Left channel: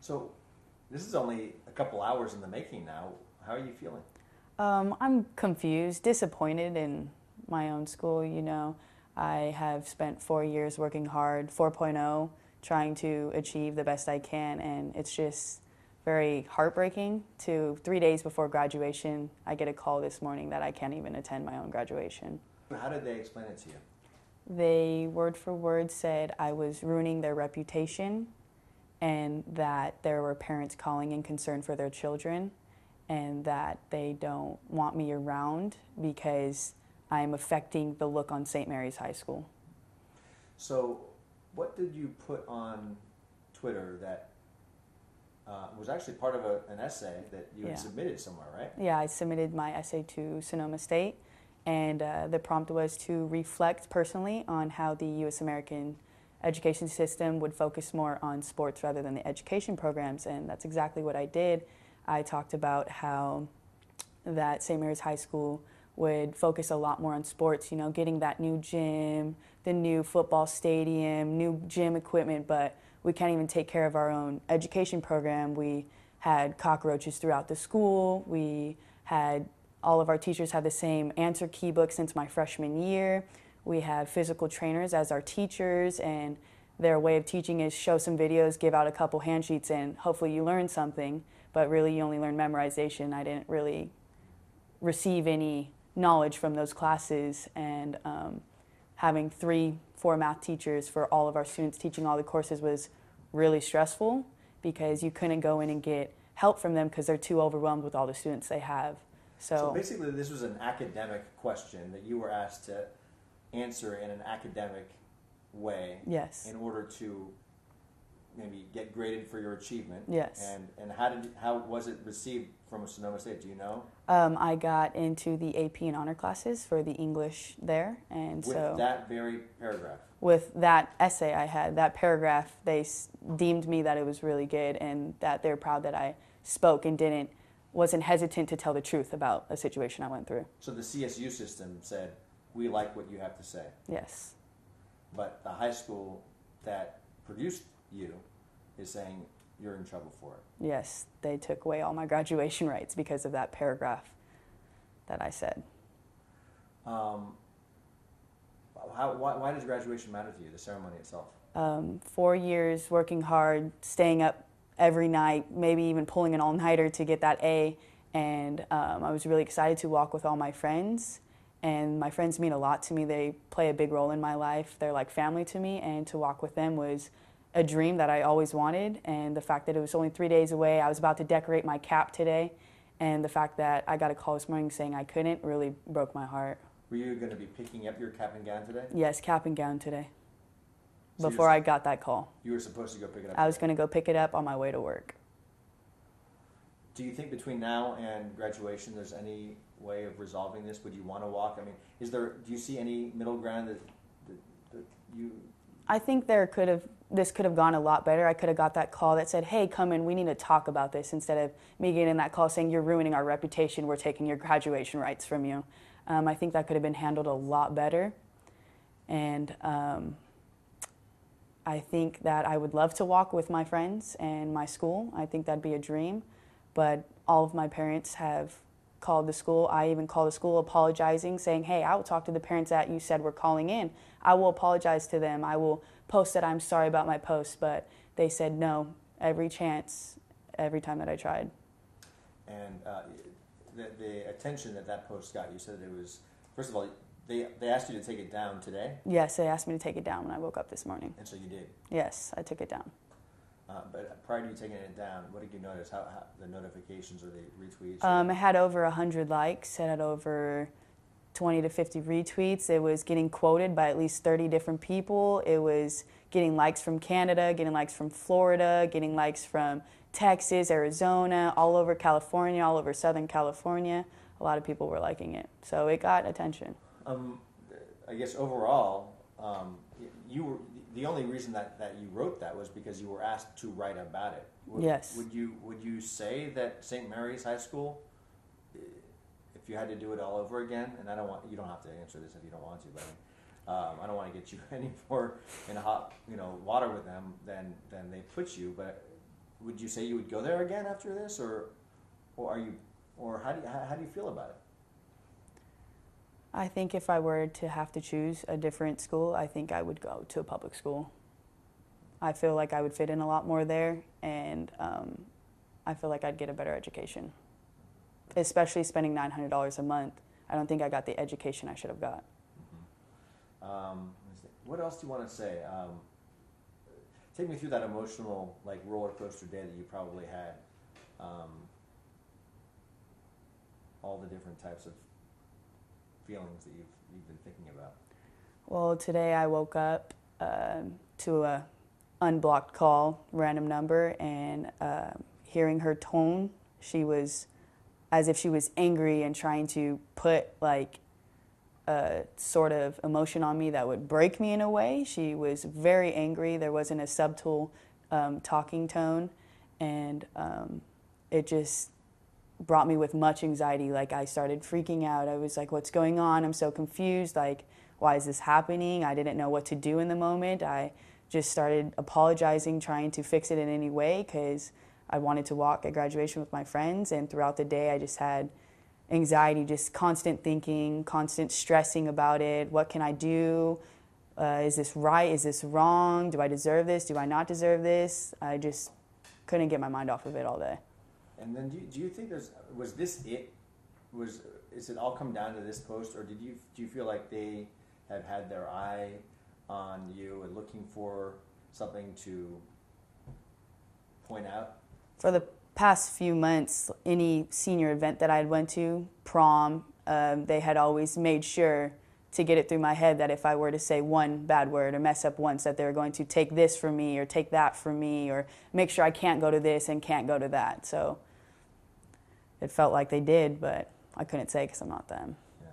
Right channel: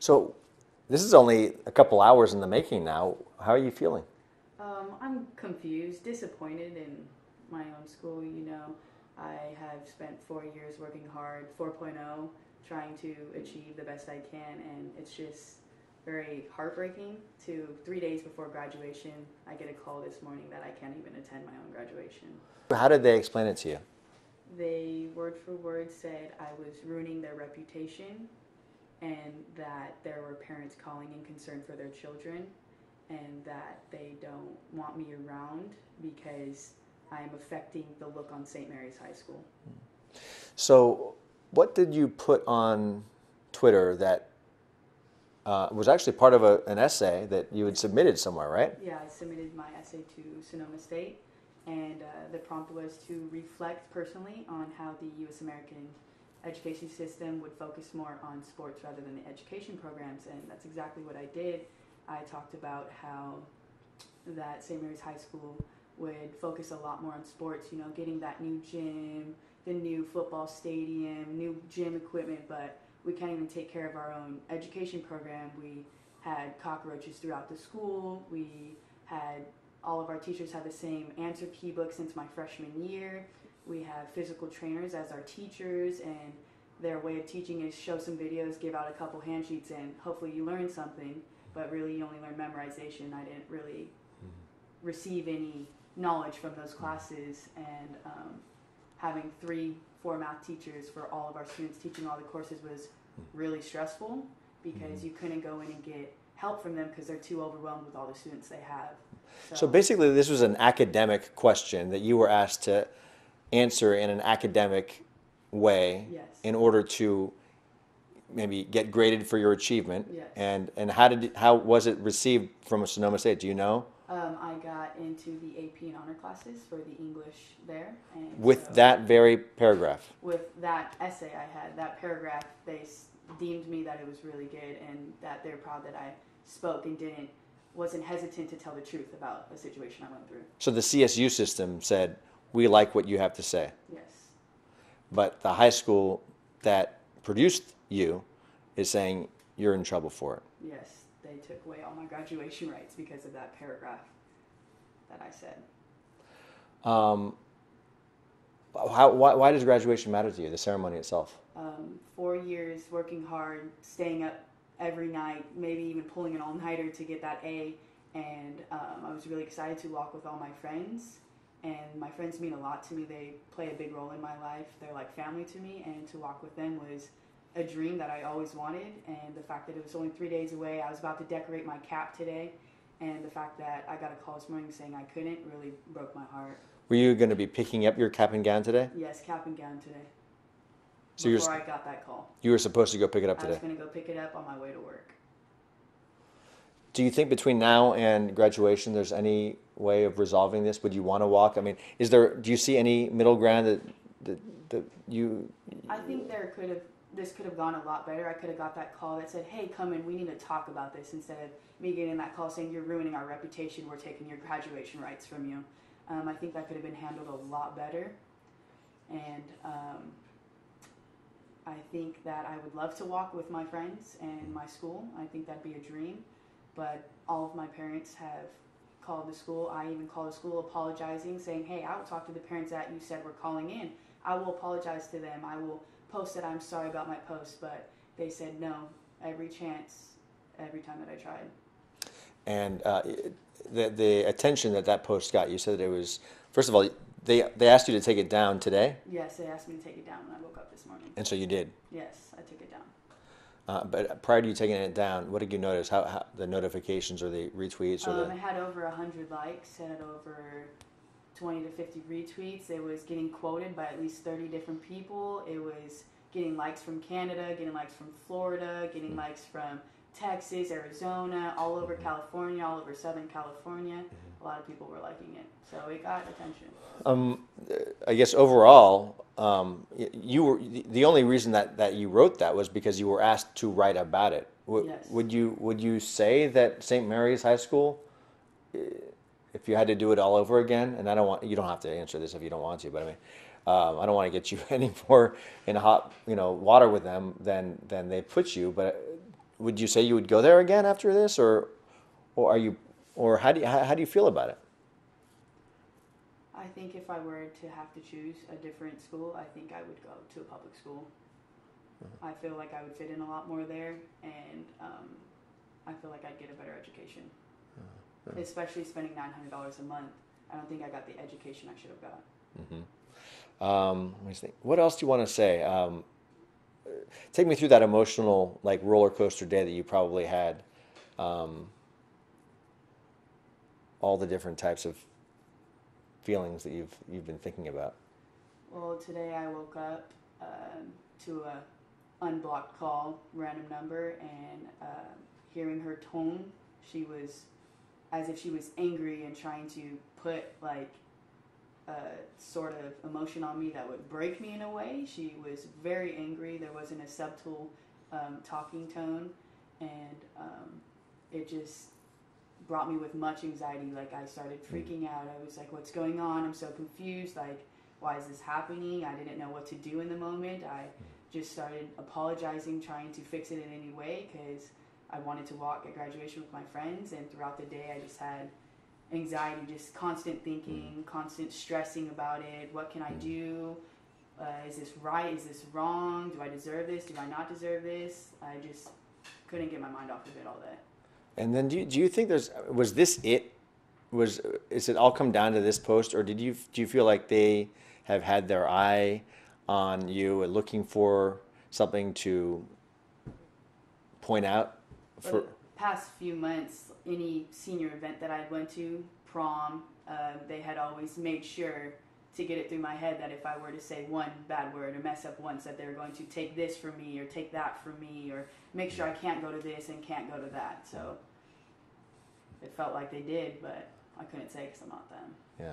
So this is only a couple hours in the making now. How are you feeling? I'm confused, disappointed in my own school. I have spent 4 years working hard, 4.0, trying to achieve the best I can, and it's just very heartbreaking to 3 days before graduation, I get a call this morning that I can't even attend my own graduation. How did they explain it to you? They word for word said I was ruining their reputation and that there were parents calling in concern for their children and that they don't want me around because I'm affecting the look on St. Mary's High School. So what did you put on Twitter that was actually part of an essay that you had Yeah. submitted somewhere, right? Yeah, I submitted my essay to Sonoma State, and the prompt was to reflect personally on how the U.S. American education system would focus more on sports rather than the education programs, and that's exactly what I did. I talked about how that St. Mary's High School would focus a lot more on sports, getting that new gym, the new football stadium, new gym equipment, but we can't even take care of our own education program. We had cockroaches throughout the school. We had all of our teachers had the same answer key book since my freshman year. We have physical trainers as our teachers, and their way of teaching is show some videos, give out a couple handsheets, and hopefully you learn something, but really you only learn memorization. I didn't really receive any knowledge from those classes, and having 3, 4 math teachers for all of our students teaching all the courses was really stressful because you couldn't go in and get help from them because they're too overwhelmed with all the students they have. So So, basically, this was an academic question that you were asked to answer in an academic way yes, in order to maybe get graded for your achievement. yes. And how was it received from Sonoma State? Do you know? I got into the AP and honor classes for the English there, and With so that very paragraph. with that essay I had, that paragraph, they deemed me that it was really good and that they were proud that I spoke and wasn't hesitant to tell the truth about a situation I went through. So the CSU system said, we like what you have to say. Yes, But the high school that produced you is saying you're in trouble for it. yes, they took away all my graduation rights because of that paragraph that I said. Why does graduation matter to you, the ceremony itself? 4 years working hard, staying up every night, maybe even pulling an all-nighter to get that A. And I was really excited to walk with all my friends. And my friends mean a lot to me. They play a big role in my life. They're like family to me. And to walk with them was a dream that I always wanted. And the fact that it was only 3 days away, I was about to decorate my cap today. And the fact that I got a call this morning saying I couldn't really broke my heart. Were you going to be picking up your cap and gown today? Yes, cap and gown today. So Before I got that call, you were supposed to go pick it up I was today. going to go pick it up on my way to work. Do you think between now and graduation there's any way of resolving this? Would you want to walk? I mean, do you see any middle ground that you... I think this could have gone a lot better. I could have got that call that said, hey, come in, we need to talk about this, instead of me getting that call saying, you're ruining our reputation, we're taking your graduation rights from you. I think that could have been handled a lot better. And I think that I would love to walk with my friends and my school. I think that'd be a dream. But all of my parents have called the school. I even called the school apologizing, saying, hey, I will talk to the parents that you said were calling in. I will apologize to them. I will post that I'm sorry about my post. But they said no every chance, every time that I tried. And the attention that post got, you said that it was, first of all, they asked you to take it down today? Yes, they asked me to take it down when I woke up this morning. And so you did? Yes, I took it down. But prior to you taking it down, what did you notice? How the notifications or the retweets? It had over 100 likes. It had over 20 to 50 retweets. It was getting quoted by at least 30 different people. It was getting likes from Canada, getting likes from Florida, getting likes from Texas, Arizona, all over California, all over Southern California. A lot of people were liking it. So it got attention. I guess overall, you were the only reason that you wrote that was because you were asked to write about it. Yes. Would you say that St. Mary's High School, if you had to do it all over again, and you don't have to answer this if you don't want to, but I mean, I don't want to get you any more in hot water with them than they put you. But would you say you would go there again after this, or are you, or how do you feel about it? I think if I were to have to choose a different school, I think I would go to a public school. I feel like I would fit in a lot more there, and I feel like I'd get a better education. Especially spending $900 a month. I don't think I got the education I should have got. Let me think. What else do you want to say? Take me through that emotional, like, roller coaster day that you probably had. All the different types of feelings that you've been thinking about. Well, today I woke up to a unblocked call, random number, and hearing her tone, she was as if she was angry and trying to put like a sort of emotion on me that would break me in a way. She was very angry. There wasn't a subtle talking tone, and it just brought me with much anxiety. Like, I started freaking out. I was like, what's going on? I'm so confused. Like, why is this happening? I didn't know what to do in the moment. I just started apologizing, trying to fix it in any way, because I wanted to walk at graduation with my friends. And throughout the day, I just had anxiety, just constant thinking, constant stressing about it. What can I do? Is this right? Is this wrong? Do I deserve this? Do I not deserve this? I just couldn't get my mind off of it all day. And then do you think was this it? Is it all come down to this post, or do you feel like they have had their eye on you and looking for something to point out? For the past few months, any senior event that I went to, prom, they had always made sure to get it through my head that if I were to say one bad word or mess up once, that they were going to take this from me or take that from me or make sure I can't go to this and can't go to that. So it felt like they did, but I couldn't say because I'm not them. Yeah.